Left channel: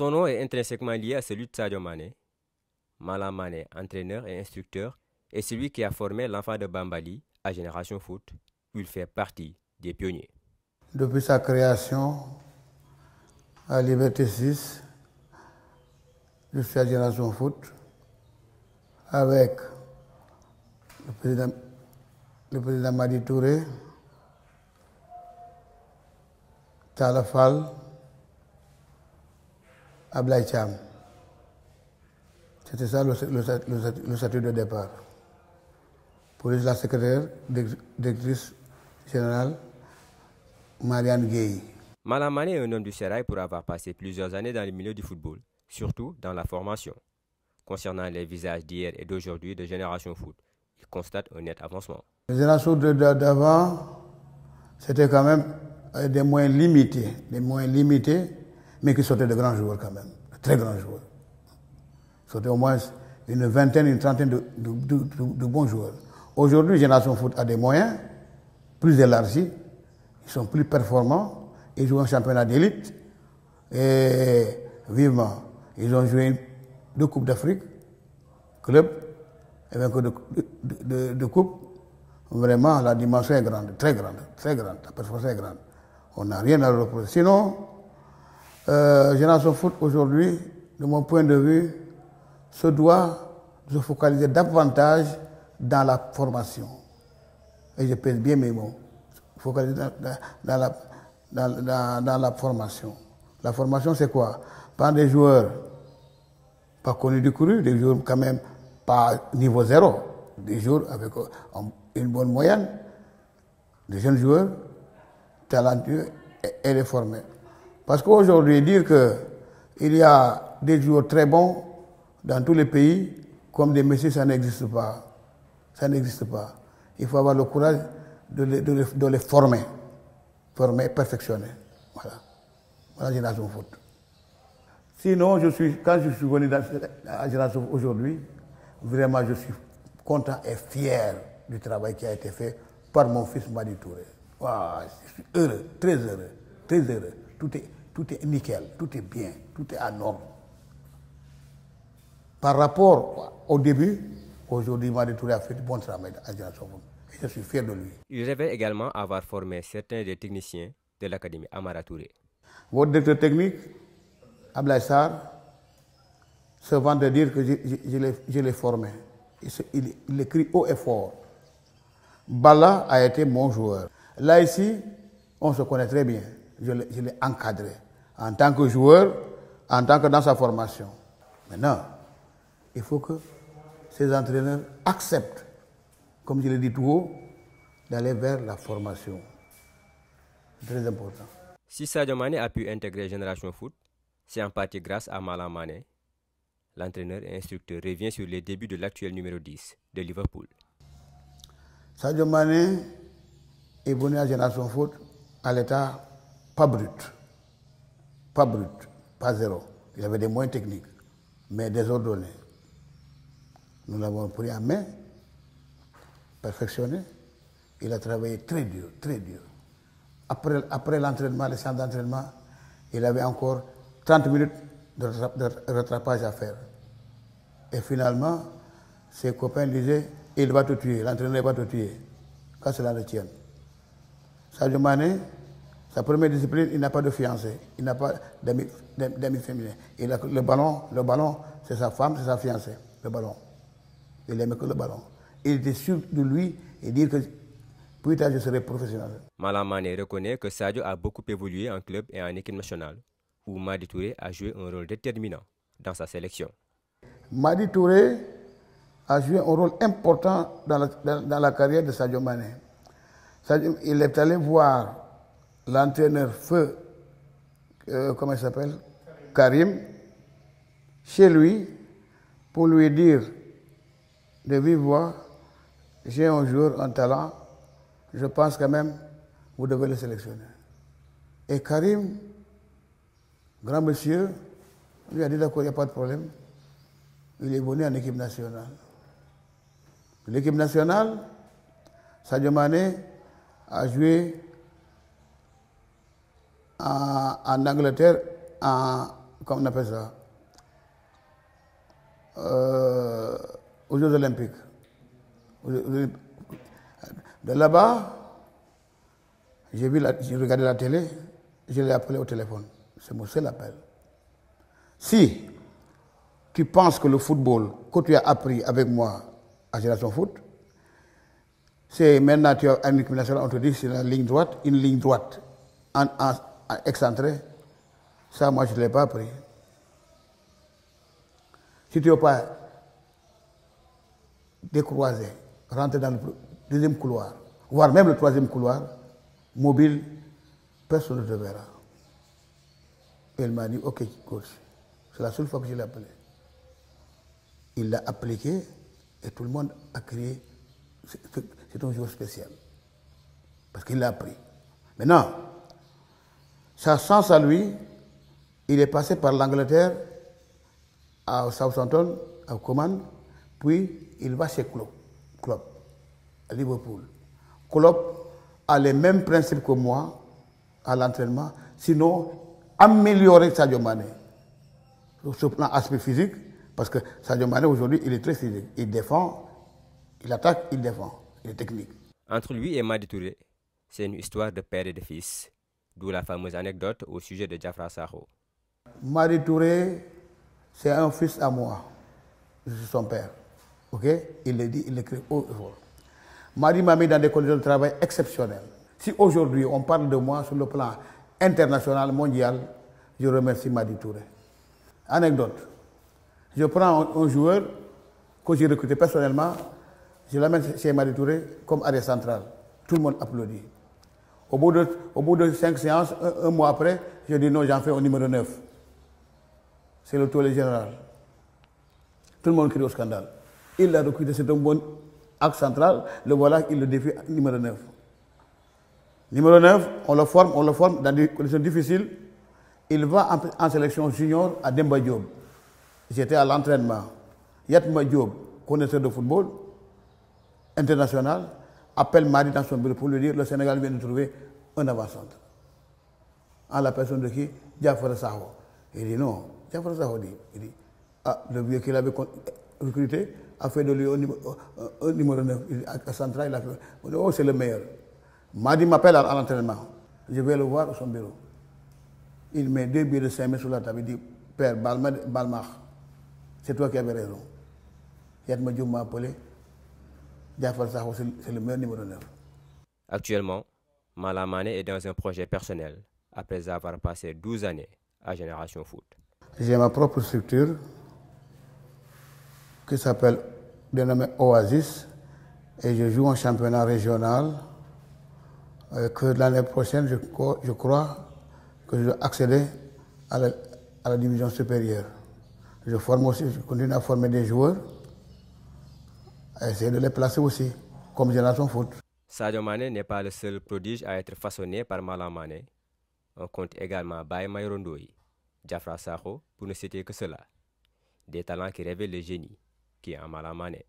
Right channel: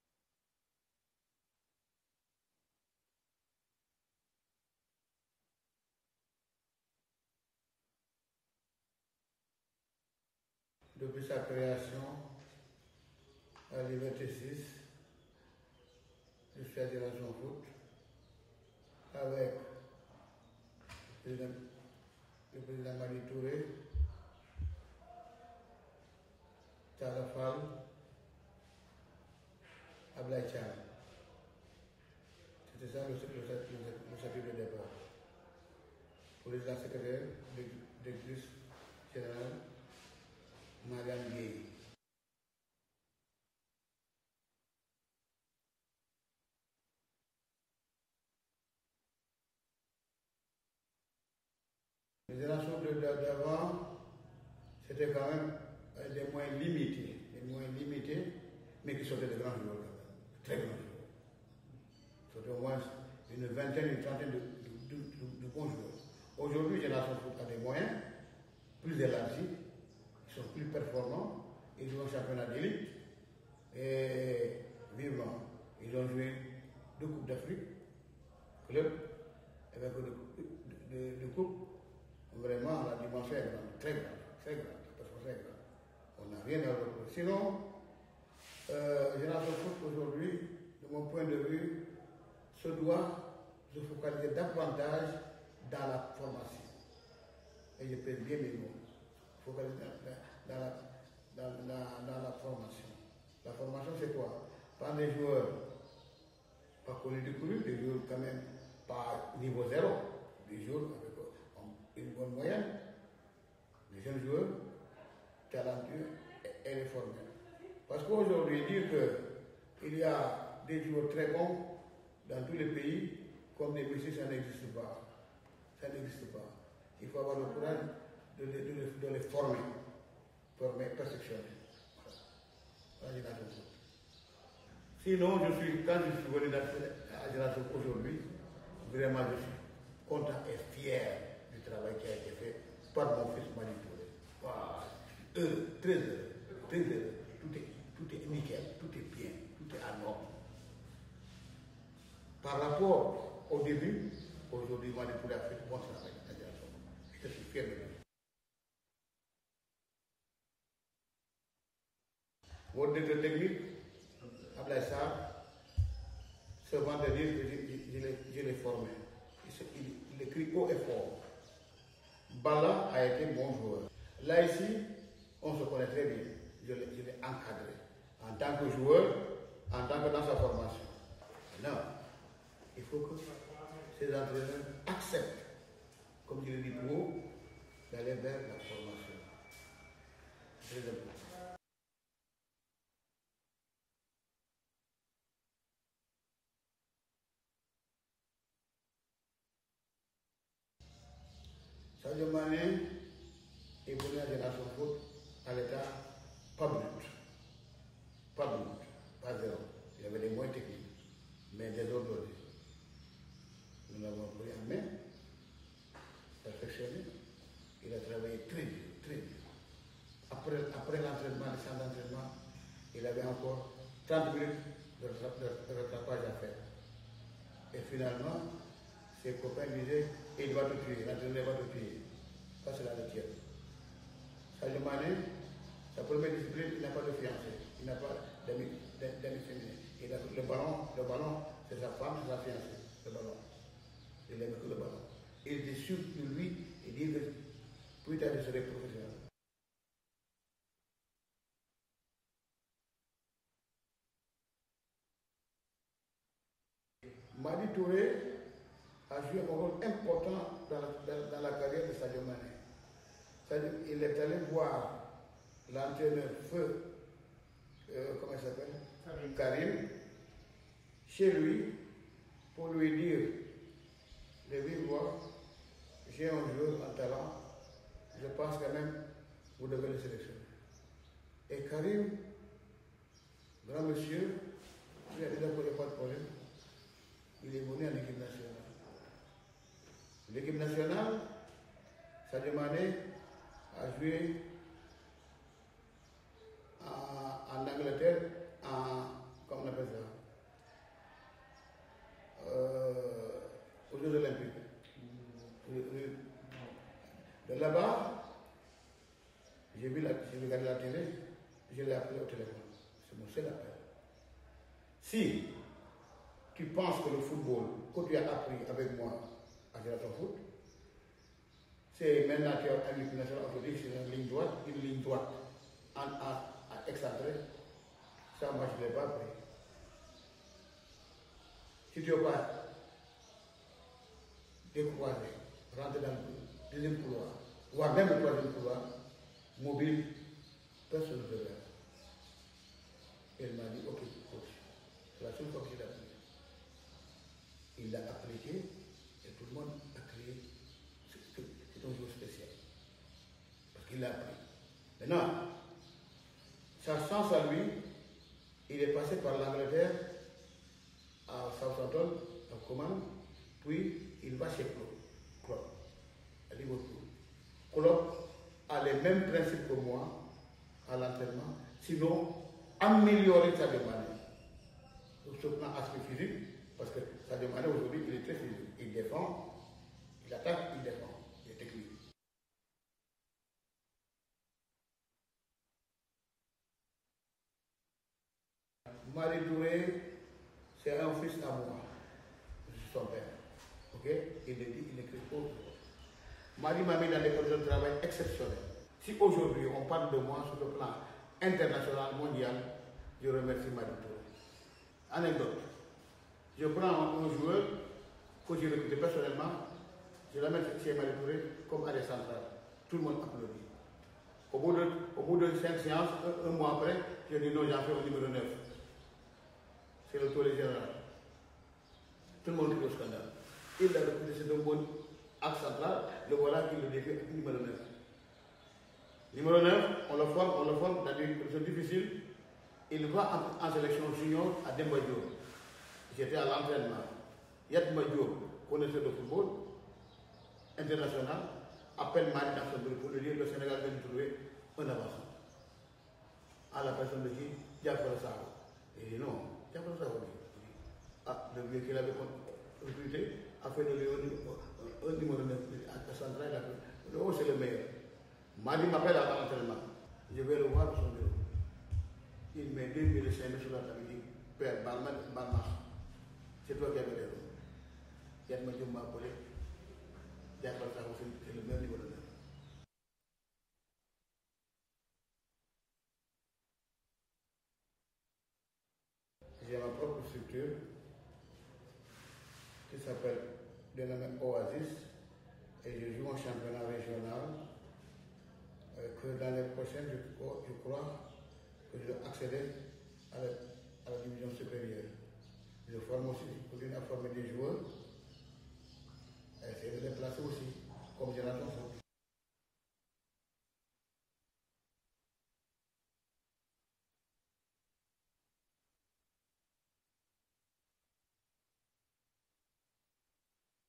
Son nom est intrinsèquement lié à celui de Sadio Mané. Malam Mané, entraîneur et instructeur, est celui qui a formé l'enfant de Bambali à Génération Foot, où il fait partie des pionniers. Depuis sa création à Liberté 6, jusqu'à Génération Foot, avec le président Madi Touré, Talla Fall, Ablaye Thiam. C'était ça le statut de départ. Pour la secrétaire, directrice générale, Marianne Gueye. Malam Mané est un homme du sérail pour avoir passé plusieurs années dans le milieu du football, surtout dans la formation. Concernant les visages d'hier et d'aujourd'hui de Génération Foot, il constate un net avancement. Les générations d'avant, c'était quand même des moyens limités, mais qui sortaient de grands joueurs quand même, de très grands joueurs. Sortaient au moins une vingtaine, une trentaine de bons joueurs. Aujourd'hui, Génération Foot a des moyens plus élargis, ils sont plus performants, ils jouent un championnat d'élite et vivement. Ils ont joué 2 Coupes d'Afrique, club, et vainqueur de Coupe. Vraiment, la dimension est grande, très grande, très grande, la performance est grande. On n'a rien à reprocher. Sinon, Génération Foot aujourd'hui, de mon point de vue, se doit se focaliser davantage dans la formation. Et je pèse bien mes mots. Focaliser dans la formation. La formation, c'est quoi? Pas des joueurs pas connus du couru, des joueurs quand même pas niveau 0, des joueurs avec une bonne moyenne, des jeunes joueurs talentueux et réformés. Parce qu'aujourd'hui, dire qu'il y a des joueurs très bons dans tous les pays, comme des messieurs, ça n'existe pas. Ça n'existe pas. Il faut avoir le courage de les former et perfectionner. Voilà. Voilà Génération Foot. Sinon, quand je suis venu à Génération aujourd'hui, vraiment je suis content et fier du travail qui a été fait par mon fils Madi Touré. Wow, je suis heureux, très heureux, très heureux. Tout est nickel, tout est bien, tout est à norme. Par rapport au début, aujourd'hui Madi Touré a fait du bon travail à Génération Foot. Je suis fier de lui. Il révèle également avoir formé certains des techniciens de l'Académie Amara Touré. Votre directeur technique, Ablaye Sarr, se vante de dire que je l'ai formé. Il écrit haut et fort. Bala a été mon joueur. Là, ici, on se connaît très bien. Je l'ai encadré en tant que joueur, en tant que dans sa formation. Maintenant, il faut que ces entraîneurs acceptent, comme je l'ai dit tout haut, d'aller vers la formation. C'est très important. Si Sadio Mané a pu intégrer Génération Foot, c'est en partie grâce à Malam Mané. L'entraîneur et instructeur revient sur les débuts de l'actuel numéro 10 de Liverpool. Sadio Mané est venu à Génération Foot à l'état pas brut, pas zéro. Il avait des moyens techniques, mais désordonnés. Nous l'avons pris en main, perfectionné. Il a travaillé très dur, très dur. Après l'entraînement, le centre d'entraînement, il avait encore 30 minutes de rattrapage à faire. Et finalement, ses copains disaient, il va te tuer, l'entraîneur va te tuer, quand cela le tient. Sadio Mané, sa première discipline, il n'a pas de fiancée, il n'a pas d'amis féminins. Le ballon, c'est sa femme, c'est sa fiancée, le ballon. Il n'aimait que le ballon. Il était sûr de lui et dire que plus tard je serai professionnel. Malam Mané reconnaît que Sadio a beaucoup évolué en club et en équipe nationale, où Madi Touré a joué un rôle déterminant dans sa sélection. Madi Touré a joué un rôle important dans la carrière de Sadio Mané. Il est allé voir l'entraîneur feu, comment il s'appelle, Karim, chez lui, pour lui dire de vive voix, j'ai un joueur, un talent, je pense quand même, vous devez le sélectionner. Et Karim, grand monsieur, lui a dit d'accord, il n'y a pas de problème. Il est venu en équipe nationale. L'équipe nationale, Sadio Mané a joué en Angleterre, comment on appelle ça, aux Jeux Olympiques. De là-bas, j'ai regardé la télé, je l'ai appelé au téléphone. C'est mon seul appel. Si tu penses que le football que tu as appris avec moi à Génération Foot, c'est maintenant tu as une équipe nationale, on te dit c'est une ligne droite en excentrée. Ça, moi, je ne l'ai pas appris. Si tu ne veux pas décroiser, rentrer dans le deuxième couloir, voire même le troisième couloir, mobile, personne ne te verra. Et il m'a dit, ok, coach, c'est la seule fois que je l'ai appelé. Il l'a appliqué et tout le monde a crié, c'est un jour spécial. Parce qu'il l'a appris. Maintenant, sa chance à lui, il est passé par l'Angleterre, à Southampton, à Coman, puis il va chez Klopp, à Liverpool. Klopp a les mêmes principes que moi à l'entraînement, sinon améliorer Sadio Mané. Sur le plan aspect physique, parce que Sadio Mané aujourd'hui, il est très physique. Il défend, il attaque, il défend. Il est technique. Entre lui et Madi Touré, c'est une histoire de père et de fils, d'où la fameuse anecdote au sujet de Diafra Sakho. Madi Touré, c'est un fils à moi. Je suis son père. Ok? Il le dit, il l'écrit haut et fort. Madi m'a mis dans des conditions de travail exceptionnelles. Si aujourd'hui on parle de moi sur le plan international, mondial, je remercie Madi Touré. Anecdote. Je prends un joueur que j'ai recruté personnellement, je l'amène chez Madi Touré comme arrière central. Tout le monde applaudit. Au bout de 5 séances, un mois après, je dis non, j'en fais un numéro 9. C'est le tollé général. Tout le monde crie au scandale. Il l'a recruté, c'est un bon axe central. Le voilà, il le défie numéro 9. Numéro 9, on le forme dans des conditions difficiles. Il va en sélection junior à Demba Diop. J'étais à l'entraînement. Yatma Diop, connaisseur de football international, appelle Madi dans son bureau pour lui dire le Sénégal vient de trouver un avant-centre. En la personne de qui? Diafra Sakho. Il dit non. Diafra Sakho dit, le vieux qu'il avait recruté a fait de lui un numéro 9. À central, il a fait. Oh, c'est le meilleur. Madi m'appelle à l'entraînement. Je vais le voir à son bureau. Il met 2 billets de 5 000 sur la table. Il dit, Père, Balmach, c'est toi qui avais raison. Yatma Diop m'a appelé. Diafra Sakho, c'est le meilleur numéro 9. Actuellement, Malam Mané est dans un projet personnel, après avoir passé 12 années à Génération Foot. J'ai ma propre structure qui s'appelle, dénommée Oasis, et je joue en championnat régional. Que l'année prochaine, je crois que je dois accéder à la division supérieure. Je forme aussi, je continue à former des joueurs, à essayer de les placer aussi, comme Génération Foot. Sadio Mané n'est pas le seul prodige à être façonné par Malam Mané. On compte également Baye Mayrondoyi, Diafra Sakho, pour ne citer que cela. Des talents qui révèlent le génie qui est en Malam Mané.